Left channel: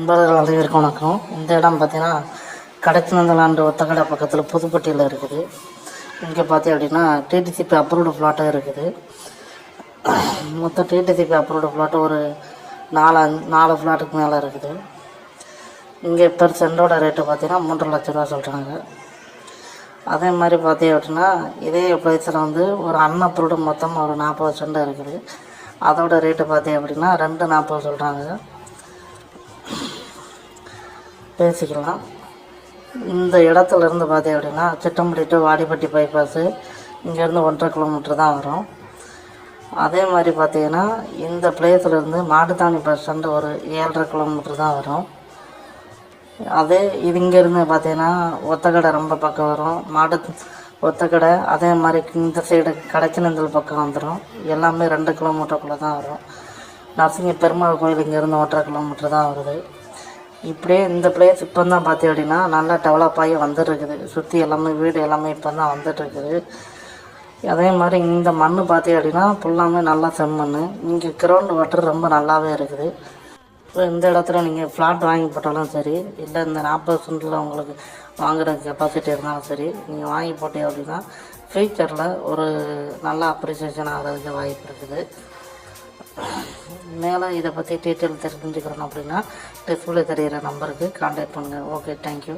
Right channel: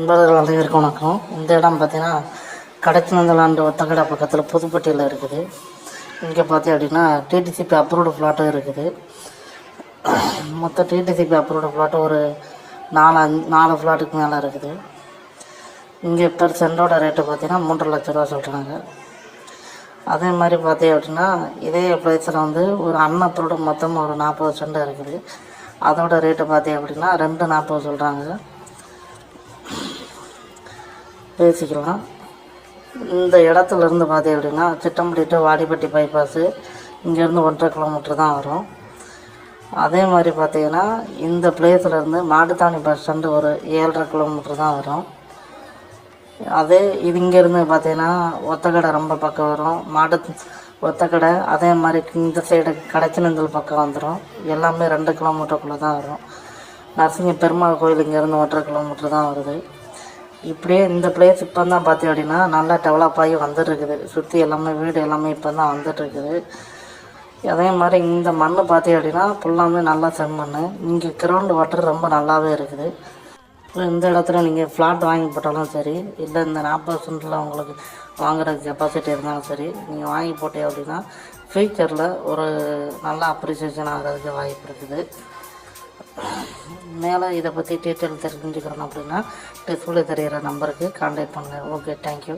நண்பர்கள் அனைவருக்கும் வணக்கம். இந்த இடம் பார்த்தீங்கன்னா கடச்சினந்தலாண்டு ஒத்தக்கடை பக்கத்தில் புதுப்பட்டியில் இருக்குது. இங்கே பார்த்தீங்க அப்படின்னா டிடிசிபி அப்ரூவ்டு ஃப்ளாட்டும் இருக்குது. மொத்தம் டிடிசிபி அப்ரூவ்டு ஃப்ளாட்டும் ஒரு 4 ஃப்ளாட்டுக்கு மேலே இருக்குது. இங்கே பெர் சென்டோட ரேட்டு பார்த்தீங்கன்னா 3 லட்ச ரூபா சொல்கிறாங்க. அதே மாதிரி பார்த்தீங்க அப்படின்னா இதே ப்ரைஸில் வந்து ஒரு அன்அப்ரூவ்டு மொத்தமாக ஒரு 40 சென்ட் இருக்குது. அதோட ரேட்டு பார்த்தீங்க அப்படின்னா 240 சொல்கிறாங்க. பேசிக்கலாம். இந்த இடத்துலேருந்து பார்த்தீங்க அப்படின்னா சிட்டம்பட்டி டு வாடிப்பட்டி பைபாஸு இங்கேருந்து 1.5 கிலோமீட்டர் தான் வரும். அதே மாதிரி பார்த்தீங்கன்னா இந்த பிளேஸ்லேருந்து மாட்டுத்தாவணி பஸ் ஸ்டாண்டு ஒரு 7.5 கிலோமீட்டர் தான் வரும். அதே இது இங்கேருந்து பார்த்தீங்கன்னா ஒத்தக்கடை ரொம்ப பக்கம் வரும். ஒத்தக்கடை அதே மாதிரி இந்த சைடு கடச்சினந்தல் பக்கம் வந்துடும். எல்லாமே 2 கிலோமீட்டருக்குள்ளே தான் வரும். நரசிங்க பெருமாள் கோயில் இங்கேருந்து 1.5 கிலோமீட்டர் தான் வருது. இப்படியே இந்த பிளேஸ் இப்போ தான் பார்த்தீங்க அப்படின்னா நல்லா டெவலப் ஆகி வந்துட்டுருக்குது. சுற்றி எல்லாமே வீடு எல்லாமே இப்போ தான் வந்துட்டுருக்குது. அதே மாதிரி இந்த மண் பார்த்தீங்க அப்படின்னா ஃபுல்லாமே நல்லா செம்மண். இங்கே கிரவுண்ட் வாட்டர் ரொம்ப நல்லாவே இருக்குது. இப்போ இந்த இடத்துல நீங்கள் ஃப்ளாட் வாங்கி போட்டாலும் சரி, இல்லை இந்த 40 சென்டில் உங்களுக்கு வாங்குகிற கெப்பாசிட்டி இருந்தாலும் சரி, நீங்கள் வாங்கி போட்டீங்க அப்படின்னா ஃப்யூச்சரில் ஒரு நல்ல அப்ரிசியேஷன் ஆகிறதுக்கு வாய்ப்பு இருக்குது. மேலும் இதை பற்றி டீட்டெயில் தெரிஞ்சுக்கிறோம் அப்படின்னா டிஸ்பிளே தெரிகிற நம்பருக்கு கான்டாக்ட் பண்ணுங்கள். Okay, thank you.